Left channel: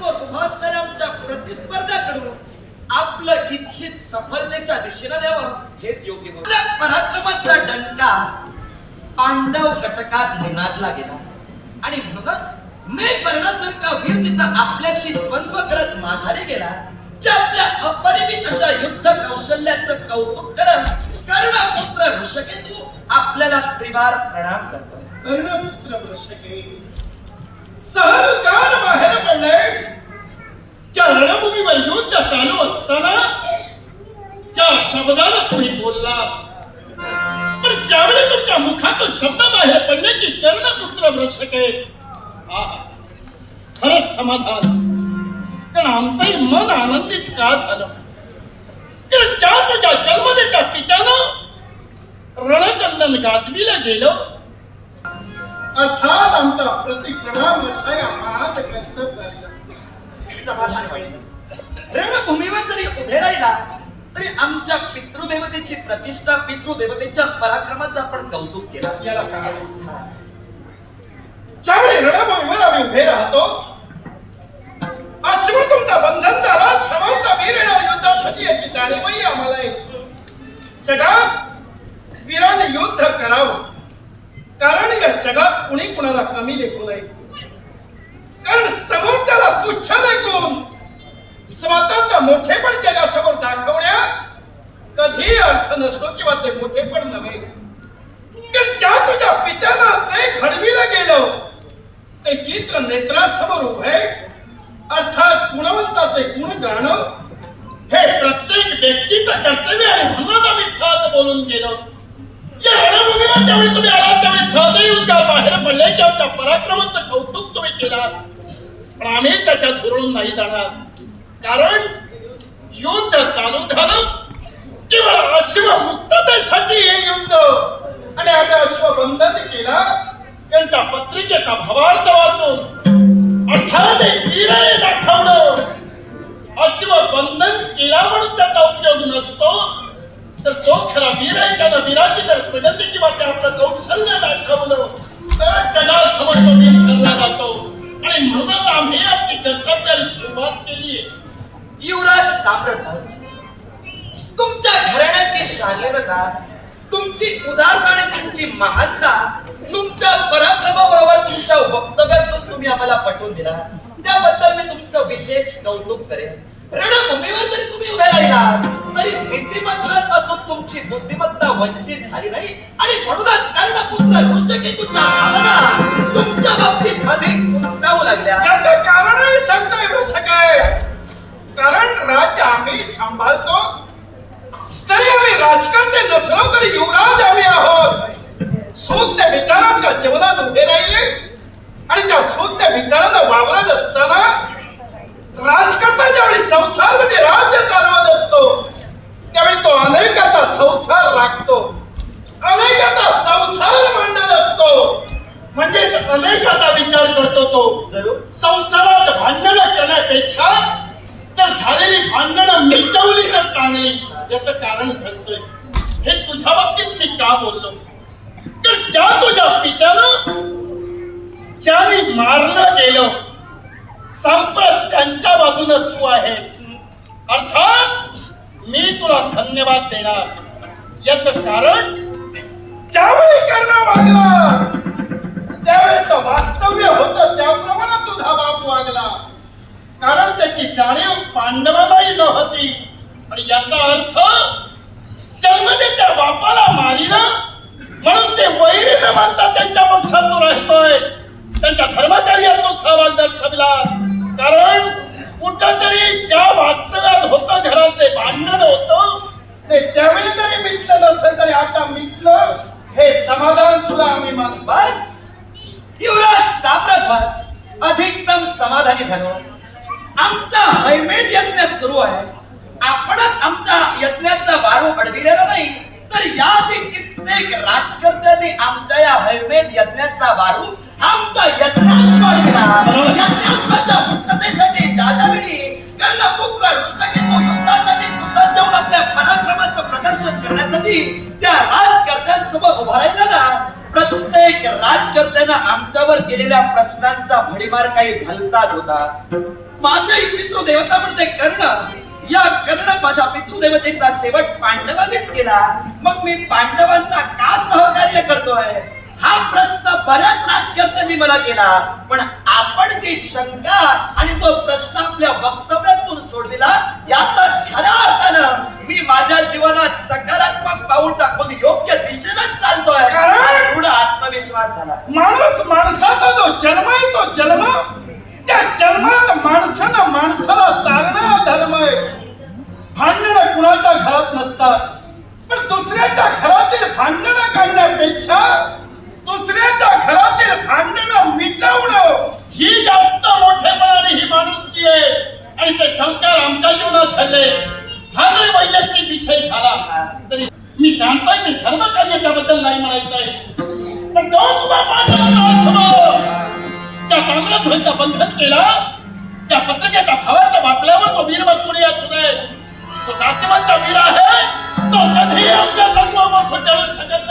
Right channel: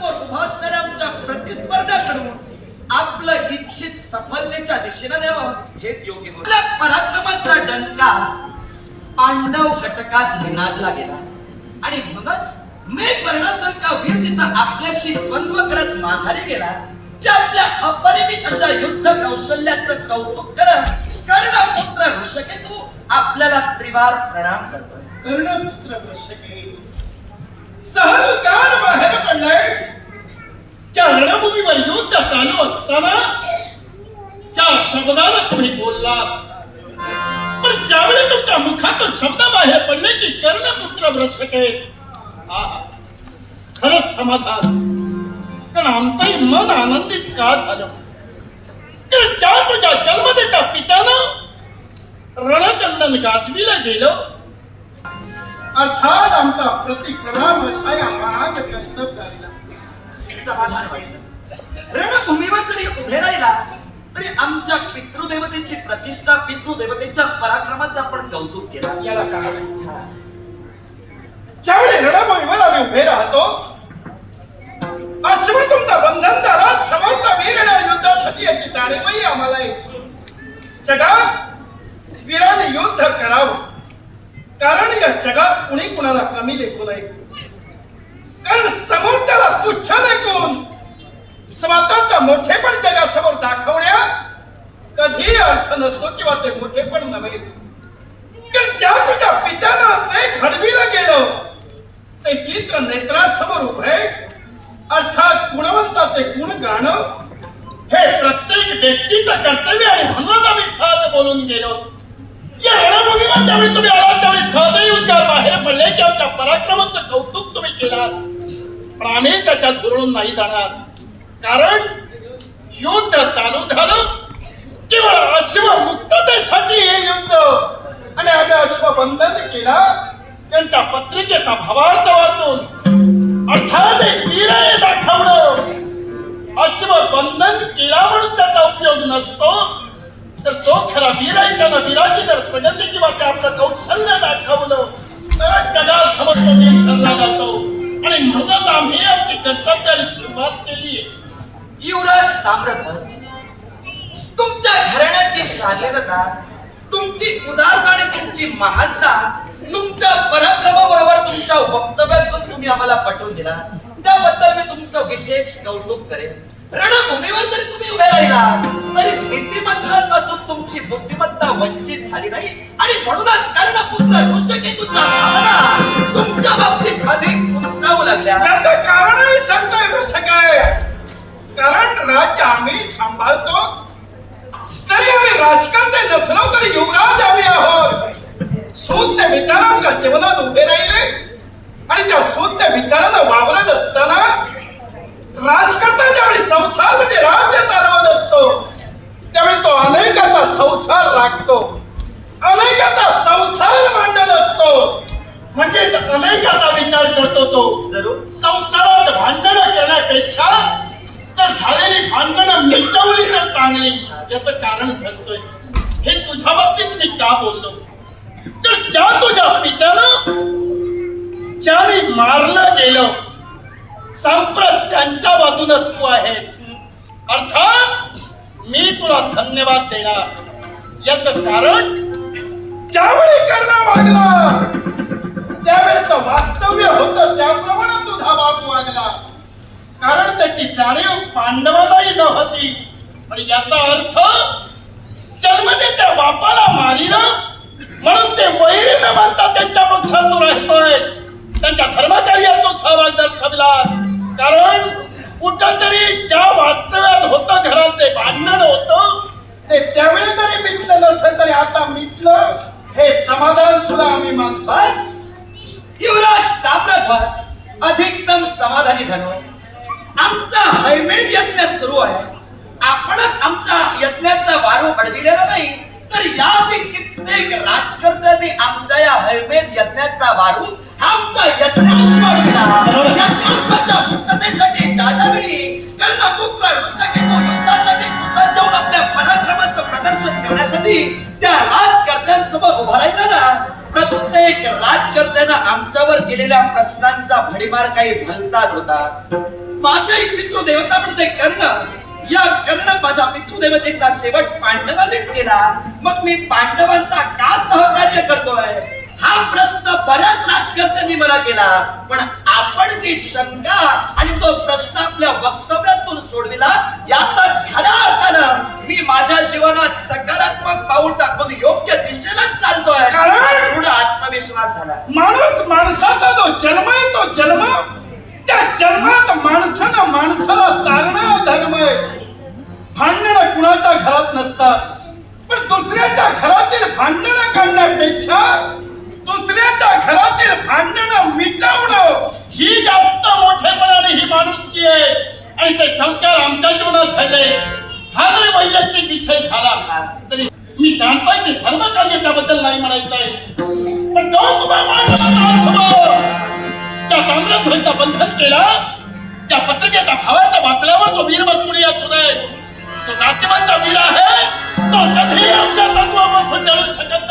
समोर उभा असणाऱ्या आमच्या प्रतिस्पर्ध्याकडून आपलं इच्छित सफलतेच्या दिशेनं द्यावं हेच योग्य होतं. पराक्रमाचा डंका पांडव कटकात निनादला गेला आणि म्हणूनच मेघ वर्णासारखा वीर जिथं आपल्याशी द्वंद्व करत माघारी गेला की आपल्या अपरिमित अशा युद्ध कौशल्याचं कौतुक करत कर्ण पुत्र ऋषकेतू आपल्याला त्रिवार प्रणाम करतो कर्ण पुत्र ऋषकेतू सहज सहकार बाहेर पडलाय. ज्या रणभूमीवर युद्ध चालू असताना ज्या शब्दानं तुम्ही बोलला पण ज्यावेळी तुमच्या मुखातून शब्द बाहेर पडले की कर्णपुत्र भ्रषक आहा, खरंच समाधान. कारण आमचंही मन आनंदित का झालं? तर ज्या तुझ्या जन्मदेच्या पित्यानं रणकंदन गाजविलं गेलं अर्थात आमचा प्रतिक्रमण महान कर्तव्याला समाधान वाटलं रणभूमीवर जरी उभे राहिला तरी आमच्या पितृदेवतेची प्रतिष्ठा पितृदेवतेच्या पराक्रमाचं आपण कौतुक केलं. याला कारण. ज्यावेळी रणभूमीवर आम्ही उभे राहतो अश्वतुमचा बंधन झाला समर्थ वीर येणार युद्धासाठी याची जाणीवही आम्हाला आहे. जगात वीराने युद्ध करावं कारण या जगात कुणी कुणाला कमी देखू नये कारण समोर त्याला तुच्छ लेखून स्वतःचा मोठेपण जगासमोर दाखवण्यात कधी अर्थ नसतो किंवा ते मोठेपण नव्हे. तर ज्या तुझ्या पित्यानं ते घडविलं गेलं ते चित्र नेत्रासमोर उभे अर्थात गुणवंताचे गुण गाणं हे प्रत्येक व्यक्तीचं कर्तव्य आहे. म्हणून आम्ही साध बोलून गेलो. या रणभूमीवर त्यावेळी तुम्ही आला त्यावेळी साधही उद्गार पराक्रमाचं कौतुक तुम्ही केलात. पण आम्ही त्याच्यात हुरळून नाही जाणार. कारण युद्ध चालू झालं. केवळ अश्व मुक्ततेसाठी हे युद्ध. आणि आम्ही अश्वबंधन केला. त्यांच्या पत्रिकेचा भावार्थ वाचून अर्थात एक वीर दाखवलं. अश्वबंधन केला म्हणून त्याचा उपयोग नसतो. तर तो खरा वीर आहे. त्यानं वीराची जर प्रगती किंवा ते आपलं कौशल्य दाखवलं. तर जगासमोर तो ठरला जातो. आणि म्हणूनच आम्ही आमची कर्तव्याला सुरुवात केली युवराज ताम्रध्वज तुमच्या घराण्याची शालीनता तुमची उदारता आणि तुमची महानता तुमच्या पराक्रमाबरोबर तुमच्या वक्तव्यातून तुम्ही आम्हाला पटवून दिला. त्याबद्दल मी तुमचं विशेष कौतुक करेन. रणभूमीवर जरी तुम्ही उभे राहिला तरी नीतिमत्ता असून तुमची बुद्धिमत्ता वंचित झाली नाही. आणि म्हणूनच कर्णपुत्र ऋषकेतूच्या भावना तुमच्या बाबतीत अधिक उंचावू लागल्या. त्याचं कारणही सांगतोय कसं काय कारण राज्य आम्ही सांभाळतो. तरी आम्ही राजकारते नसलो तरी युवराज आम्ही आहोत. शून्य विचारांच्या जीवनात उभे राहिले आणि त्या शून्य विचारानं वावरत असताना संसार म्हणजे राज्य चालवत असतो. त्यावेळी तो अनेकाचा संसार राखतो. अनेकाचा संसार मांडत असतो. म्हणजे अनेकाचा विचार करतो तो. जरूर. संसारात भांडण करण्यापेक्षा तर झालेली भांडणं मिटवली तर चांगली. याचं कारण सांगतोय. हे तुझ्या बाबतीत मी का बोललो? तर ज्या तुझ्या पित्यानं ज्याने मारलं गेलं संप्रत त्यांच्या बाजूनं तू आहेस. अर्थात मी तुला धन्यवाद देणार. याच कारण ज्यावेळी कर्ण वागला त्यावेळी तो वास्तव्य होत त्याप्रमाणे तुझा बाप वागला. कारण त्याची जाणीव पांडवालाही नव्हती. आणि याचा अर्थ जन्मदे त्या बापाला मारिन म्हणून ते वैरी न मानता त्यांच्या पक्षात तू राहतोय त्यांच्या धर्मकार्यात तो सहभाग दर्शविला कारण कुठंतरी ज्या वास्तव्यात होतं घरात ते भांडण होतं ते त्यावेळी तरी मिटलं नसेल तरी आता मिटलं हे समाधान सुद्धा आम्ही मानतो. बस. युवराज ताप्रध्वज अधिकतम समाधानी झालो. आमचा हैमेद यज्ञ सुरू आहे. आपणच आमचा यज्ञाचा वारू अडविलेला नाही तर याआधी कित्येक राजकर्त्यांनी आमच्या या हैमेद यज्ञाचा वारू आमचा यज्ञाश्व अडविला यज्ञाश्वाच्या मुक्ततेसाठी पुत्र कर्णपुत्र ऋषकेतू युद्धासाठी सुसज्ज होऊन आपल्या पराक्रमाचं प्रदर्शन करण्यासाठी त्या राजकर्त्यांसमोर उभा राहिला ना प्रत्येक राजकर्त्यानं आमच्यावर केलेल्या प्रश्नांचा भडीमार काही भलताच होता. माझं एक पितृदेवता म्हणते कर्ण या कर्ण माझ्या पितृदेवतेचा शेवट पांडवांनीच केला. मग मी पांडवांना का सहकार्य करतोय? हा प्रश्न बऱ्याच राजकर्त्यांनी मला केला. पण आपण जी शंका आणि तो प्रश्न आपल्या वक्तव्यातून सोडविला यातच खऱ्या अर्थानं मी माझ्या जीवनात सकारात्मक पाऊल टाकून योग्य दिशेलाच चालतोय दृढ आत्मविश्वास झाला. माणूस माणसाचा जो जन्म आहे तो जन्म त्या जन्मात माणसानं माणसाला तारणं धर्म आहे. भांडणं कुणाच्या घरात नसतात. पण दुसऱ्याच्या घरातील भांडणं काढण्यापेक्षा दुसऱ्याच्या घरातील भांडणं मिटवणं ही जास्त मोठेपणाने ही माणुसकी आहे. आणि ते संस्कार आमच्या जीवनात झाले. हा जरी वैयक्तिक विषय झाला. तरी मी जाणतोय ते धर्मकार्य त्याबद्दल नाही म्हणायचंय. पण तो तुम्हा पांडवांना ज्या ताम्रध्वजचं बंधन केला त्या पत्रिकेचा भावार्थ वाचल्यावर तो वीर मस्तुरी असू नये तो नाट्यवंत वीर आहे तो कधी आपल्या तत्वापासून टळू शकत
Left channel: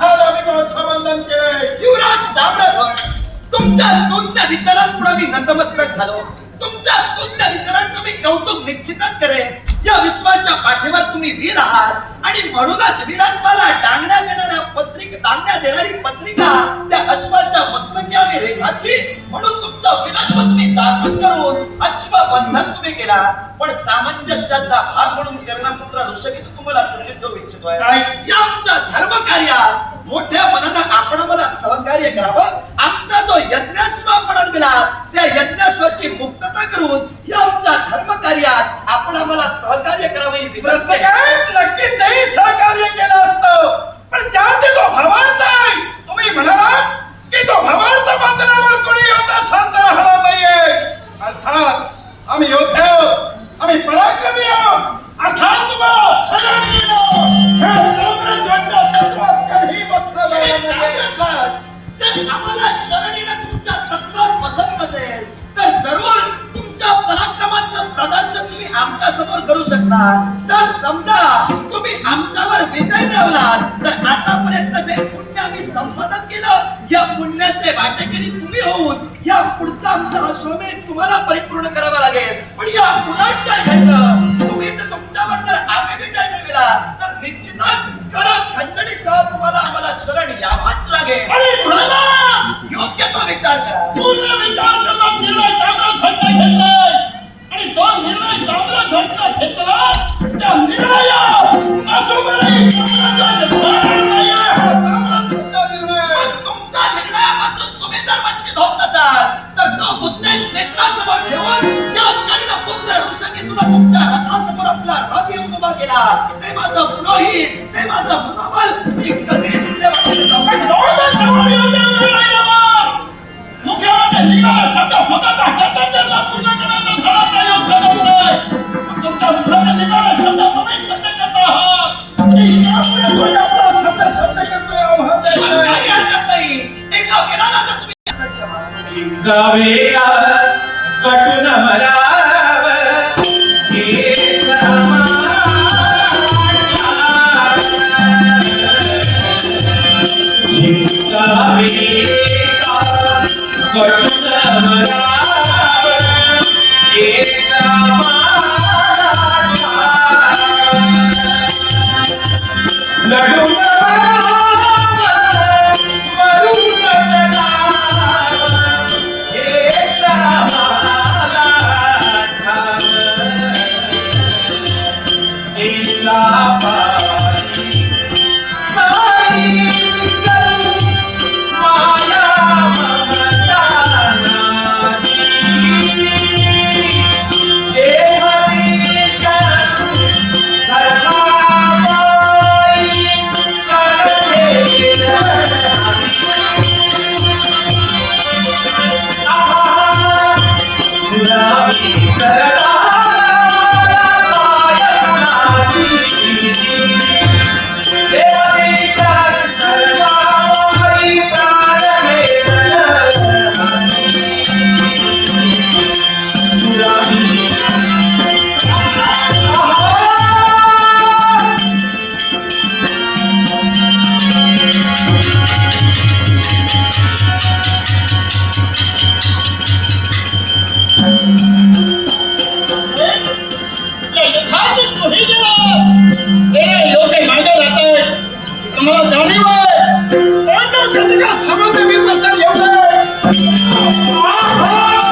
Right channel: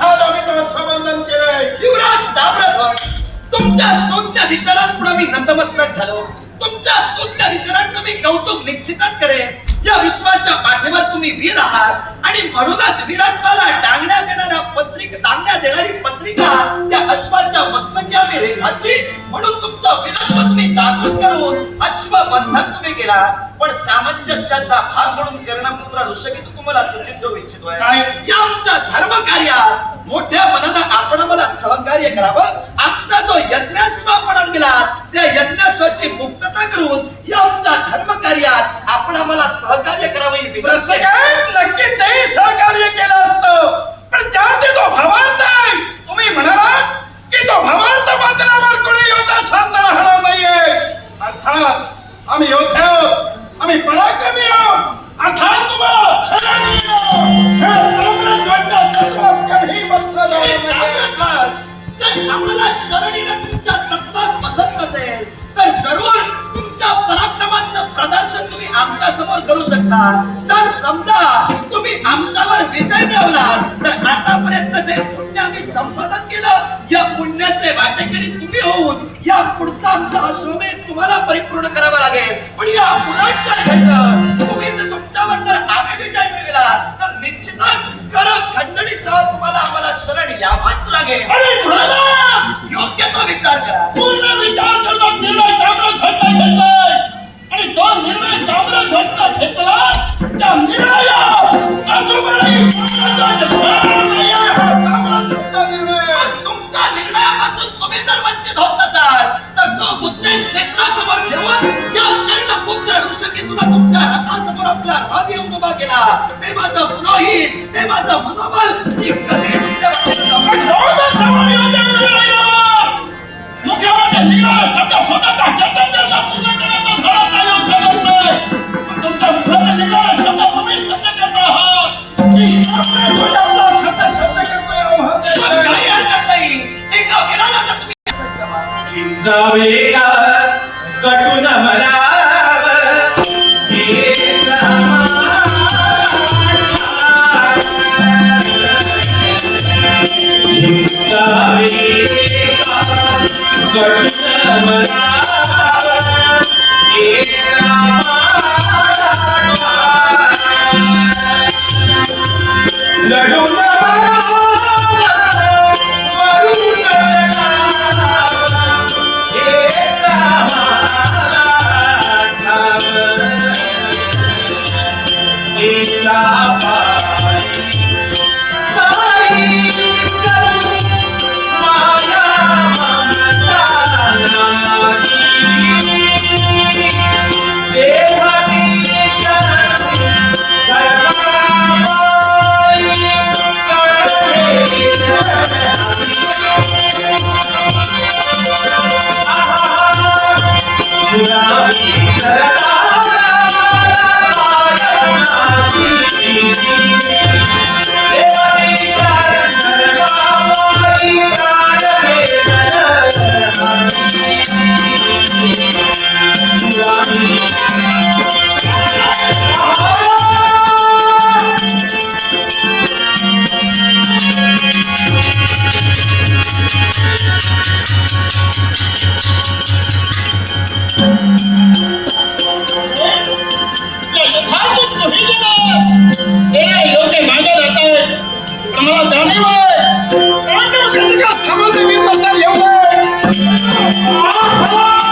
नाहीये आम्ही केलंय. युवराज ताम्रध्वज तुमच्या शून्य विचारांपुढे मी नतमस्तक झालो. तुमच्या शून्य विचारांचं मी कौतुक निश्चितच करेन. या विश्वाच्या पाठीवर तुम्ही वीर आहात. आणि म्हणूनच वीरात्माला टांगण्यात देणाऱ्या पत्रिका टांगण्यात देणारी म्हणून तुमचं वीरत्व तुम्ही जागृत करून अश्वबंधन तुम्ही केला पण सामंजस्याचा भाग म्हणून कर्णपुत्र ऋषभी तुम्हाला सूचित करू इच्छितोय काय? या आमच्या धर्म कार्यात मोठ्या मनानं आपण मला सहकार्य करावं आमचा जो यज्ञाश्व आपण आणला त्या यज्ञाश्वाची मुक्तता करून या आमच्या धर्म कार्यात आपण आम्हाला सहकार्य करावं ही विनंती आहे. नक्की तेही सहकार्य केलं असतं पण ज्यामध्ये तो भावार्थ आहे तुम्ही म्हणालात की तो भावार्थ कोणी अर्थात आम्ही योद्धे आहोत. आम्ही पराक्रमी आहोत. अर्थात तुम्हाला जर आम्हाला शरण तुमच्या तत्वात पसंत असेल तर जरूर तुमच्या पराक्रमाचं प्रदर्शन तुम्ही आमच्यासमोर करू शकता जर समजा तुम्ही आमच्यावर विजय मिळवलात तर आतापर्यंत जे पुण्य आम्ही संपादन केलं या पुण्याचे वाटेकरी तुम्ही होऊन या पुढचा आमचा अश्वमेध तुम्हाला परिपूर्ण करावा लागेल. पण या उलट जर घडलं तुम्ही जर तुमच्यावर जर आम्ही विजय मिळविला तर निश्चितच करा खंडणीसह तुम्हाला आम्हाला शरण यावाच लागेल. आपला येऊन उभा केला. ते माझं पुरोहित ते माझं मनोबल मी कधी दुसऱ्या वाटेला 감사합니다.